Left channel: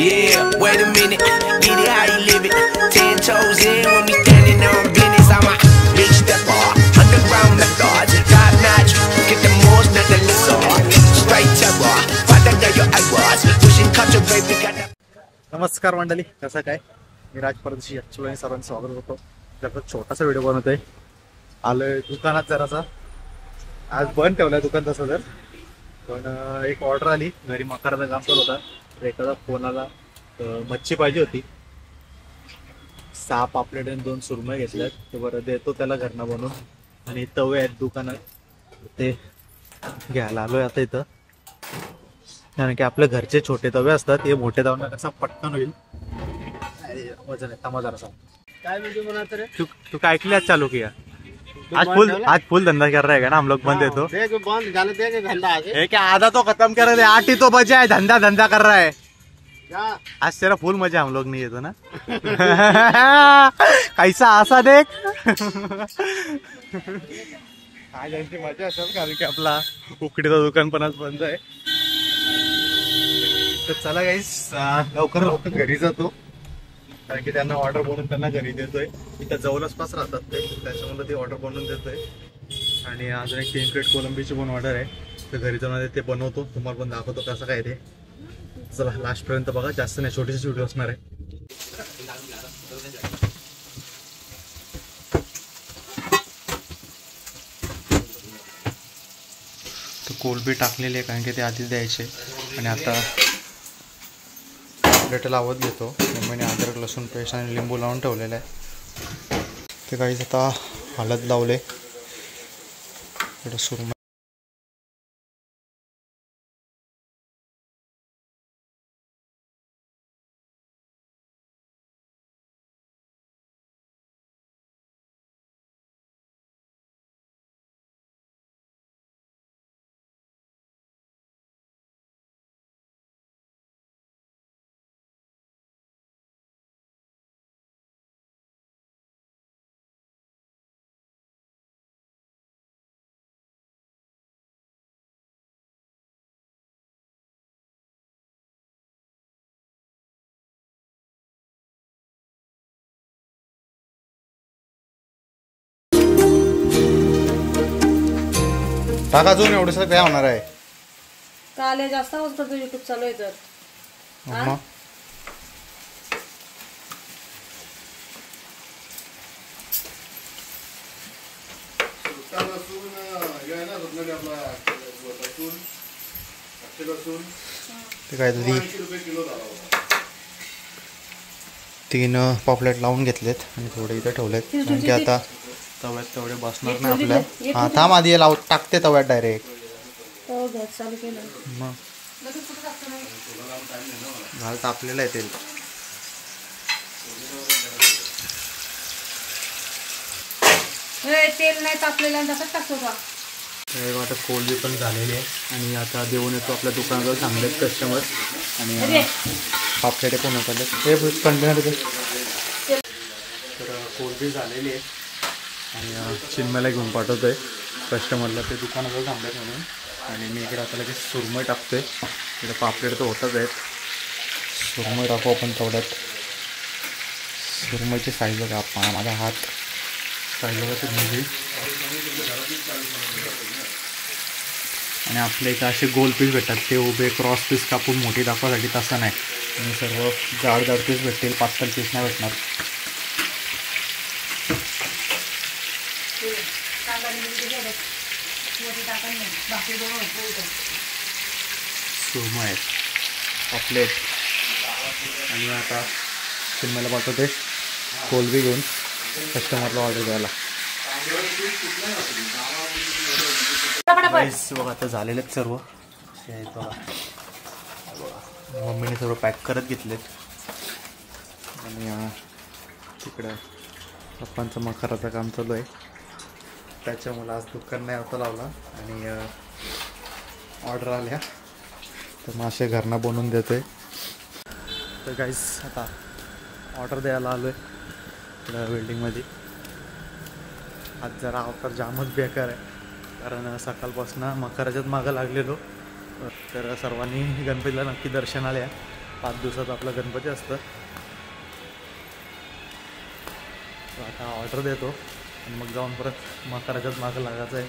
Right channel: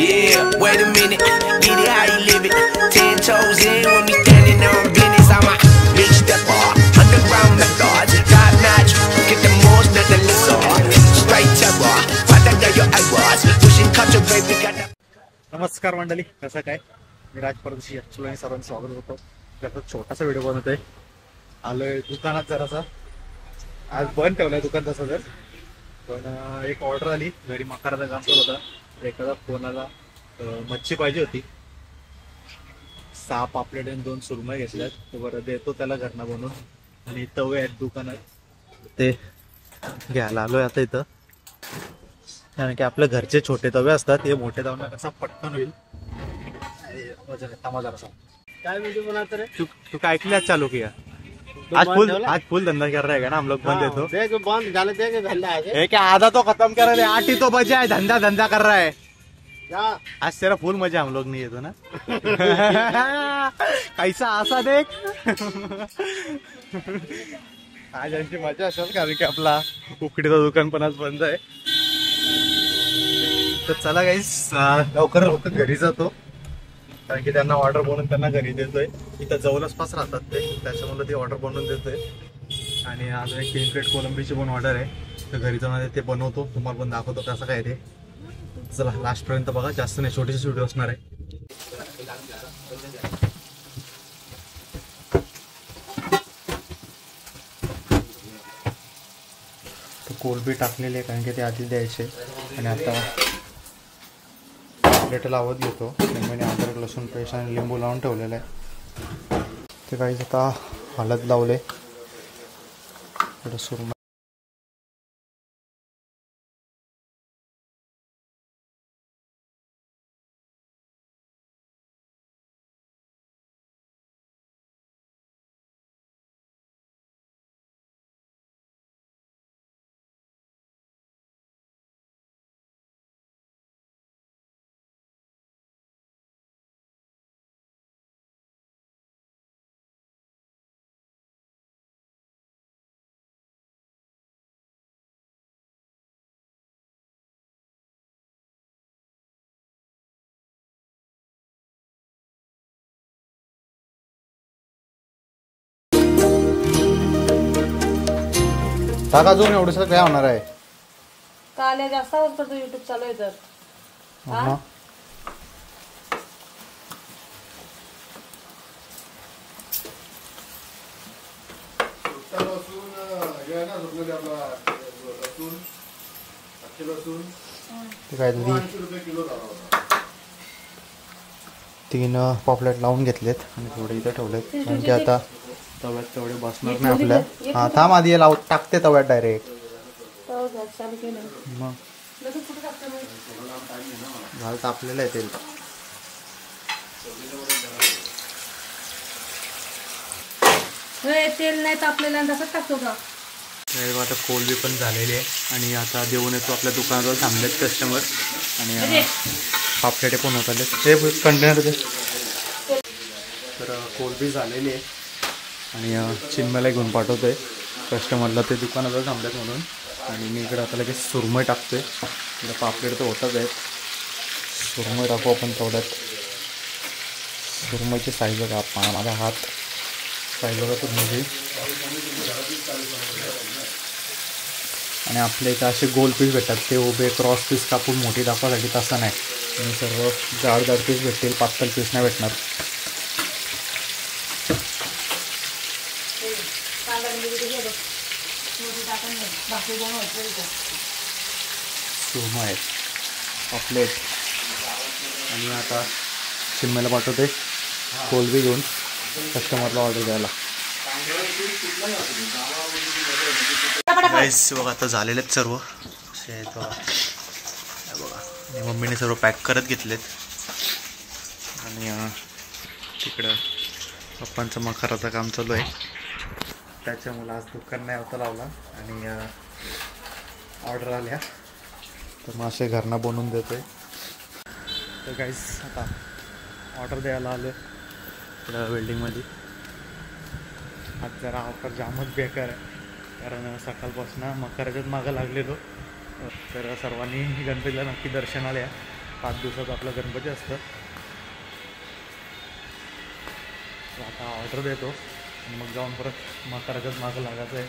Yeah. Wait a minute, get it how you live it. 10 toes in when we standing on business. I'm a big stepper, underground methods, top notch. Get the most of the lizard. Straight terror, fight under your eyebrows. Pushing culture, baby, got that. नमस्कार मंडळी, कसं काय? मी राज परदेशी actually सर्वांचं स्वागत होतो. त्याचा छोटासा व्हिडिओ बनवतोय. आलोय दुकानात जरासा. आज बंद ठेवलाय दुकान तसं तर, पण एक ऑर्डर आली. घरी मकाराचा काम करत होता. एखादा फोन आला, मच्छी पाहिजे होती. 6 पापलेट आणि 2 सुरमई घेतल्यात. ते बरं देतो त्याला घरनं बनवून. आणि तवे आहेत दुकानात, ते घ्यायला आलोय आता इथं. कारण की आपल्या घरचे छोटे तवे असतात, हे मोठे तवे कसा पटकन होईल. वजन आहे तमाजाराचा. काय वीडियो बनाते रे? तू काय ऐकले चालू किया? आज फुल धंधा कर रहा है ना हम लोग. बंद है तो देख बंद गाले देख धंधा है क्या आधा तो खत्म कर रहे. 8 ही तो बचे है. धंधा कर रहा है क्या? आज तेरा फुल मजा हम लोग नहीं येतो ना. कैसा आसा देख. आज यांची मजा असेल, कारण की आपला उकडीचं दुकान पण आज बंद आहे. तर चला गाईस, लवकर घरी जातो. कारण की त्यांना ऑर्डर बनवून त्यांना घरी देतोय. इथं जवळपास राहतात ते, त्याच्यामुळे ती ऑर्डर बनवून देतोय. आणि अजून एक 3 प्लेट कोलंबीची पण ऑर्डर आहे. तर घरी जाऊन ते बनवतो, तुम्हाला पण दाखवतो कसं काय ते. चला लास्ट पर्यंत बघा, जास्त नाही, छोटीशी व्हिडिओ असणार आहे. तर कोलंबी टाकलेली आहे, कारण की ते आधीच द्यायचे. आणि आता प्लेट लावत घेतो. मम्मीने अद्रक लसूण पेस्ट आणि लिंबू लावून ठेवलेलं आहे. ते काहीच आता हळद लावले. सुरमई टाका अजून एवढंच काय होणार आहे. काले जास्त आवाज करतो युट्यूब चालू आहे तर. ते काय तरी 3 पॉपलेट लावून घेतलेत आणि थोडे इथं ठेवलेत. कारण की आता तव्यात तेवढे बसणार नाही आपल्या. हा थांब, आधी लाव टाकते तव्यात डायरेक्ट. मग घाल तापलेलं आहे तेल. तेल नाही तापलेलं तसंच टाकतो का? आता कोलबी पण झालेली आहे. आणि आता देऊन येतो आपल्या दुकानाजवळ थांबलेत कस्टमर. आणि पापलेटे पण होत आले ते कंटेनर. तर कोलबी झालेली आहे आणि चिमण्याला घेऊन पाठवतोय कस्टमरला. ते दुकानाजवळ थांबलेत म्हणून. आणि मी इकडे आता लगेच सुरमई टाकतोय. इकडे पापलेट तर होतच आहेत. सुरमई टाकू आपण तेवढ्यात. सुरमईची साईज बघा, माझा हात साईज बघा सुरमईची. आणि आपल्या इथं असे गोल पीस भेटतात, ते उभे क्रॉस पीस कापून मोठी दाखवासाठी तसं नाही. आणि सर्व जाड पीस भेटतील, पातळ पीस नाही भेटणार. सुरमई पापलेट. आणि आता चिमण्याला पाठवते कोलबी घेऊन कस्टमरला ऑर्डर द्यायला. राईस बघा आता झालेले आहेत सर्व असे आहेत बघा. बघा मम्मीने सर्व पॅक करत घेतलेत. आणि तिकडं पप्पांचं मखाराचं काम चालू आहे. त्याच्यामुळं आज दुकान नाही होता लावला. आणि ऑर्डर आल्या तर मासे घरनं बनवून देतोय. तर गाईस आता ऑर्डर द्यायला आलो आहे इकडं वेल्डिंगमध्ये. आज जरा ऑफर जामच बेकार आहे, कारण सकाळपासून मकराच्याच मागं लागलेलो. तर सर्वांनी गणपतीला नक्की दर्शनाला या. 5 दिवसाचा आपला गणपती असतं. आता ऑर्डर देतो आणि मग जाऊन परत मकराच्याच मागं लागायचं आहे.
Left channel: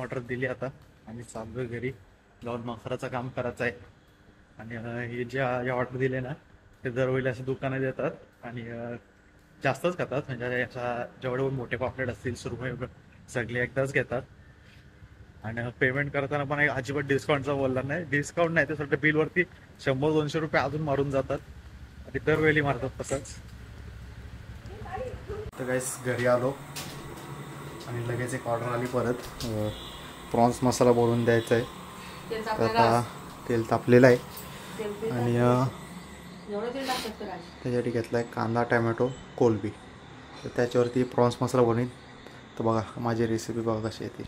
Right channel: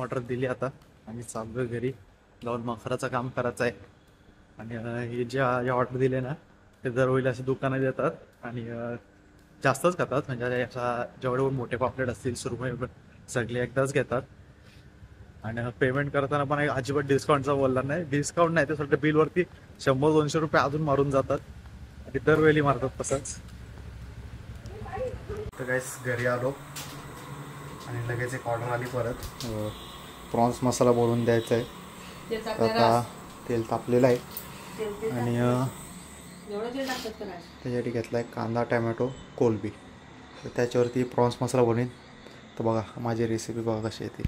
ऑर्डर दिली आता आणि चालू घरी जाऊन मकराचं काम करायचं आहे. आणि हे जे ऑर्डर दिले ना ते दरवेळी असे दुकानं देतात आणि जास्तच खातात. म्हणजे असा जेवढे मोठे पापलेट असतील सुरमई सगळे एकदाच घेतात. आणि पेमेंट करताना पण अजिबात डिस्काउंटचा बोलला नाही. डिस्काउंट नाही ते सगळं बिलवरती 100-200 रुपये अजून मारून जातात आणि दरवेळी मारतात तसंच. तर गाईस घरी आलो आणि लगेच एक ऑर्डर आली परत. प्रॉन्स मसाला बोलून द्यायचा आहे. तर आता तेल तापलेलं आहे आणि त्याच्यासाठी घेतला आहे कांदा टॅमॅटो कोलबी. तर त्याच्यावरती प्रॉन्स मसाला बनवीन. तर बघा माझी रेसिपी बघा कशी येते.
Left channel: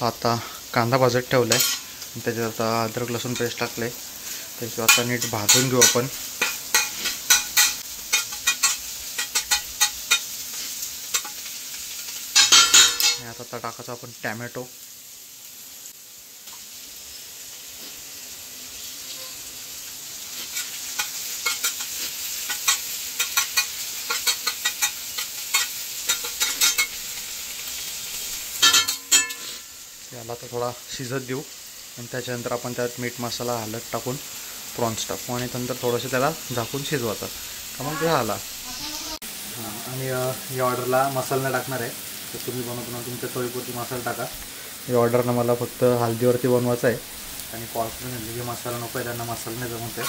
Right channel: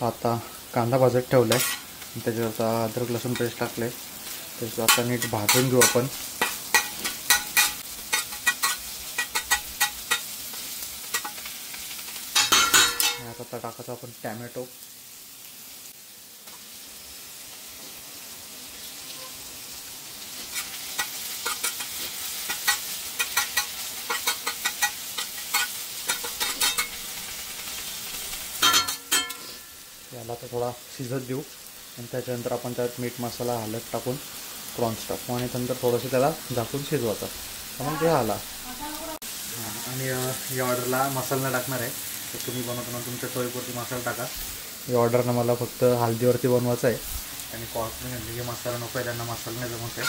तर आता कांदा भाजत ठेवला आहे आणि त्याच्यात आता अद्रक लसूण पेस्ट टाकलं आहे. त्याच्यात आता नीट भाजून घेऊ आपण. आणि आता टाकायचं आपण टॅमॅटो. याला तर थोडा शिजत देऊ आणि त्याच्यानंतर आपण त्यात मीठ मसाला हळद टाकून प्रॉन्स टाकू आणि नंतर थोडंसं त्याला झाकून शिजवायचं का मग ते आला. आणि या ऑर्डरला मसाला नाही टाकणार आहे. तर तुम्ही बनवताना तुमच्या चवीपुरती मसाला टाका. या ऑर्डरनं मला फक्त हळदीवरती बनवायचं आहे आणि कॉर्पोरेट घेतले जे मसाला नको आहे त्यांना मसाला नाही जमत आहे.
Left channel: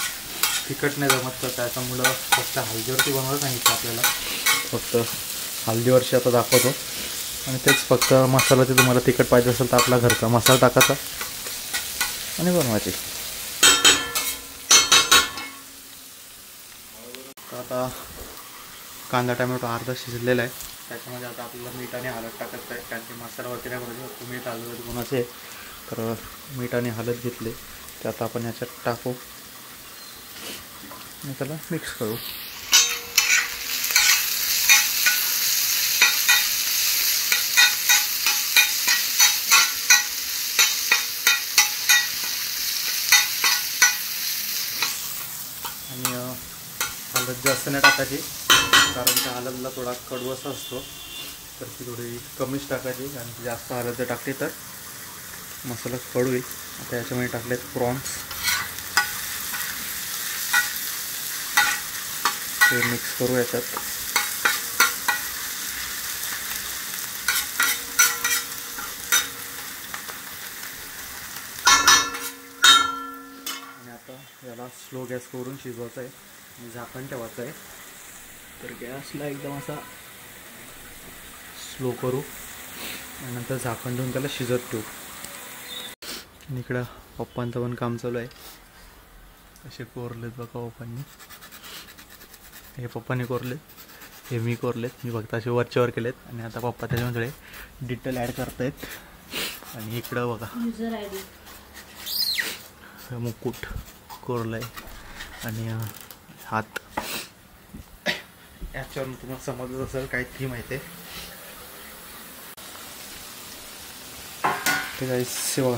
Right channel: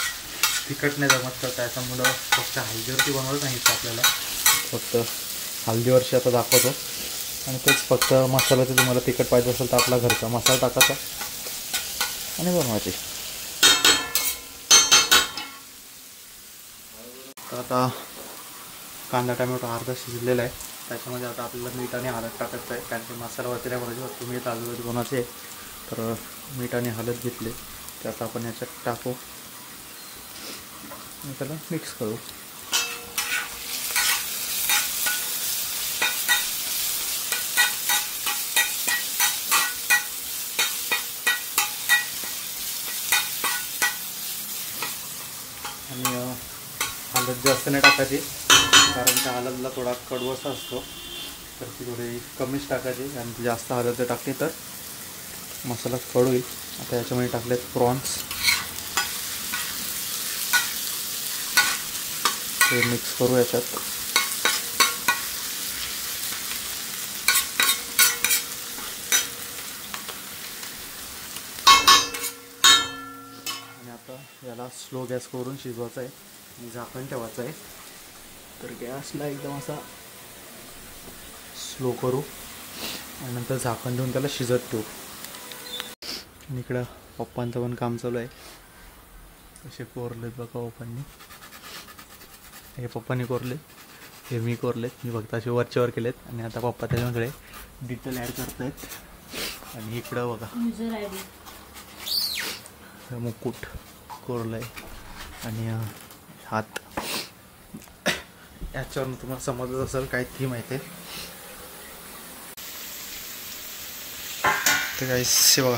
तिखट नाही जमत तर त्याच्यामुळं फक्त हळदीवरती बनवायचं सांगितलं आपल्याला. फक्त हळदीवरची आता दाखवतो आणि तेच फक्त मसाला ते तुम्हाला तिखट पाहिजे असेल तर आपला घरचा मसाला टाकायचा आणि बनवायची. तर आता कांदा टॅमॅटो अर्धा शिजलेला आहे. त्याच्यामध्ये आता आपल्याला मीठ आणि हळद टाकायचं आहे कारण की मसाला वगैरे पाहिजे फक्त मीठ हळद बनवायचे. तर मीठ आणि हळद घेतले ते आता आपण याच्यात टाकू आणि त्याला मिक्स करू. आणि हळद जास्त नाही टाकायची कारण त्या हळदला थोडा कडवसा असतो तर ती थोडी कमीच टाकायची. आणि ती जास्त हळद टाकली तर मसाला कडू येईल. आता याच्यामध्ये टाकलेत प्रॉन्स. ते मिक्स करू याच्यात. आणि आता याला स्लो गॅस करून शिजवायचं आहे आणि झाकण ठेवायचं आहे. तर गॅसला एकदम असा स्लो करू आणि नंतर झाकण ठेवून त्याला शिजत ठेवू. आणि इकडं पप्पांचं पण काम चालू आहे. कसे कोरलेत बघा पप्पांनी. हे पप्पांनी कोरलेत, हे मी कोरलेत. मी फक्त असे वरच्यावर केलेत आणि आता पप्पा त्याच्यामध्ये डिटेल ॲड करतायत. आणि इकडं बघा मुकुट कोरलं आहे आणि हात. याच्यावरून तुम्हाला समजत असेल काय थीम आहे ते. तर गाईस बघा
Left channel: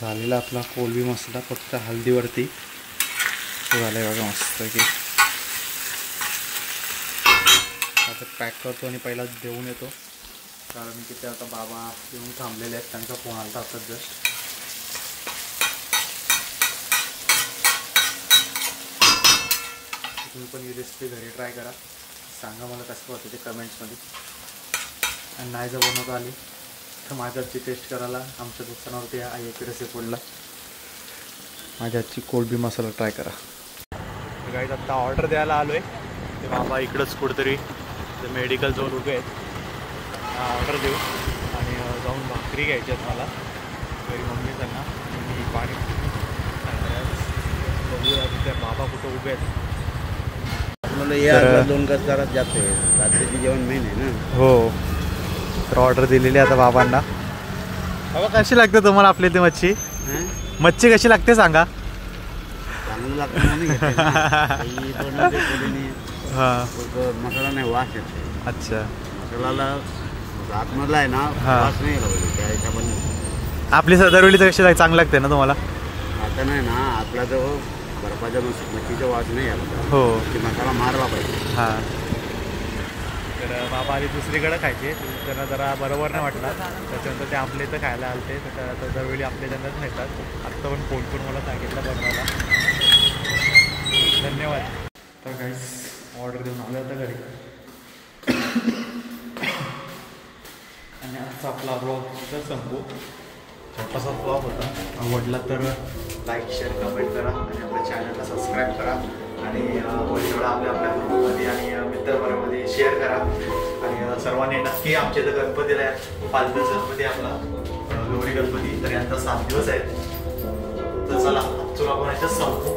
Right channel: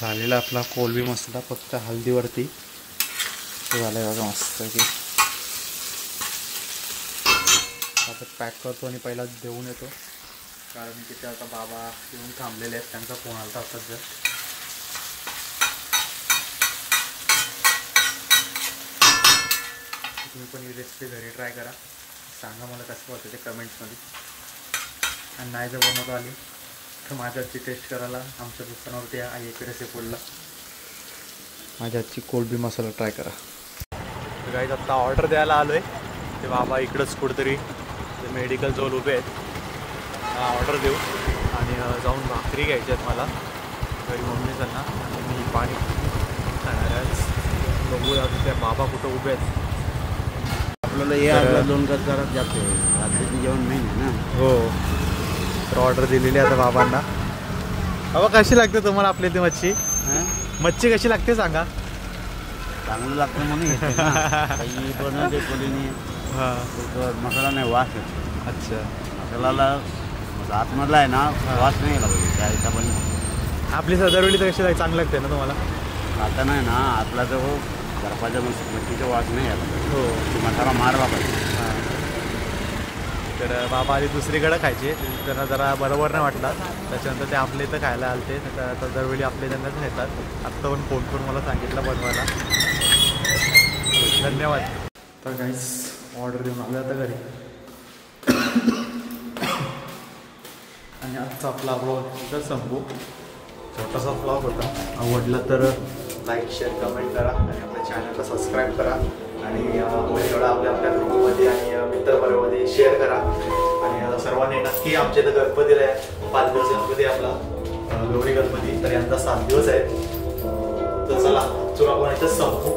झालेला आपला कोलबी मसाला फक्त हळदीवरती झाला आहे बघा मस्त की. आता पॅक करतो आणि पहिला देऊन येतो कारण की ते आता बाबा येऊन थांबलेले आहेत. त्यांचा फोन आला होता जस्ट. तुम्ही पण ही रेसिपी घरी ट्राय करा. सांगा मला कसं होतं ते कमेंट्समध्ये. आणि नाही जर बनवता आली तर माझ्या हातची टेस्ट करायला आमच्या दुकानावरती या आई रेसिपीला माझ्या हातची कोलबी मसाला ट्राय करा. गाईज आत्ता ऑर्डर द्यायला आलो आहे. ते बाबा इकडंच कुठेतरी ते मेडिकल जवळ उभे आहेत. ऑर्डर देऊ आणि जाऊन भाकरी घ्यायची आहेत मला घरी मम्मीकडनं आणि मी पाणी बघूया त्या बाबा कुठं उभे आहेत. आपल्याला 2 गजगारात जाते रात्रीची जेवण मेन आहे ना. हो तर ऑर्डर दिलेली आता बाबांना. बाबा कशी लागते तुम्हाला आपली ती मच्छी? मच्छी कशी लागते सांगा. चांगलं लागतं म्हणून घेते ना. काही बनवते कोणीने. मसाला नाही वास येते. अच्छा मसाल्याला आतमधला आहे ना वास नाही यायला पाहिजे त्या हिशोबाने. आपली दरवेळी कशी चांगली लागते ना तुम्हाला? आता नाही ना, आपला जो बर्फाच्या मच्छीचा वास नाही आला. हो, मसाला मारला पाहिजे. हां. तर बाबा आधी दुसरीकडे खायचे, त्यांना जरा बरोबर नाही वाटला. त्याच्यानंतर ते आपल्या इथं खायला आले ते. आता दरवेळी आपल्या इथं खातात. आत्ता पण फोन करून मला सांगितलं बनवायला. धन्यवाद. तर काहीच ऑर्डर देऊन आलं आता घरी. आणि आजचा आपला ब्लॉग इथं संपू. छोटासा ब्लॉग होता. आवडला तर लाईक शेअर कमेंट करा आणि आपल्या चॅनलला सबस्क्राईब करा. आणि एवढा आपल्या ग्रुपमध्ये आणि मित्रपरामध्ये शेअर करा. आणि सर्वांनी नक्की आमच्या इथं गणपतीला आहे. 5 दिवस गणपती आपला लोहरी गणपती. तर यांचा 7 दिवस आहे. तर चला आजचं आपण इथं संपू.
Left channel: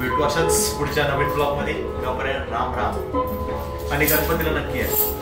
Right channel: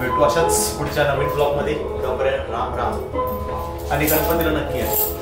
भेटू अशाच पुढच्या नवीन ब्लॉगमध्ये. तोपर्यंत राम राम आणि गणपतीला नक्की आहे.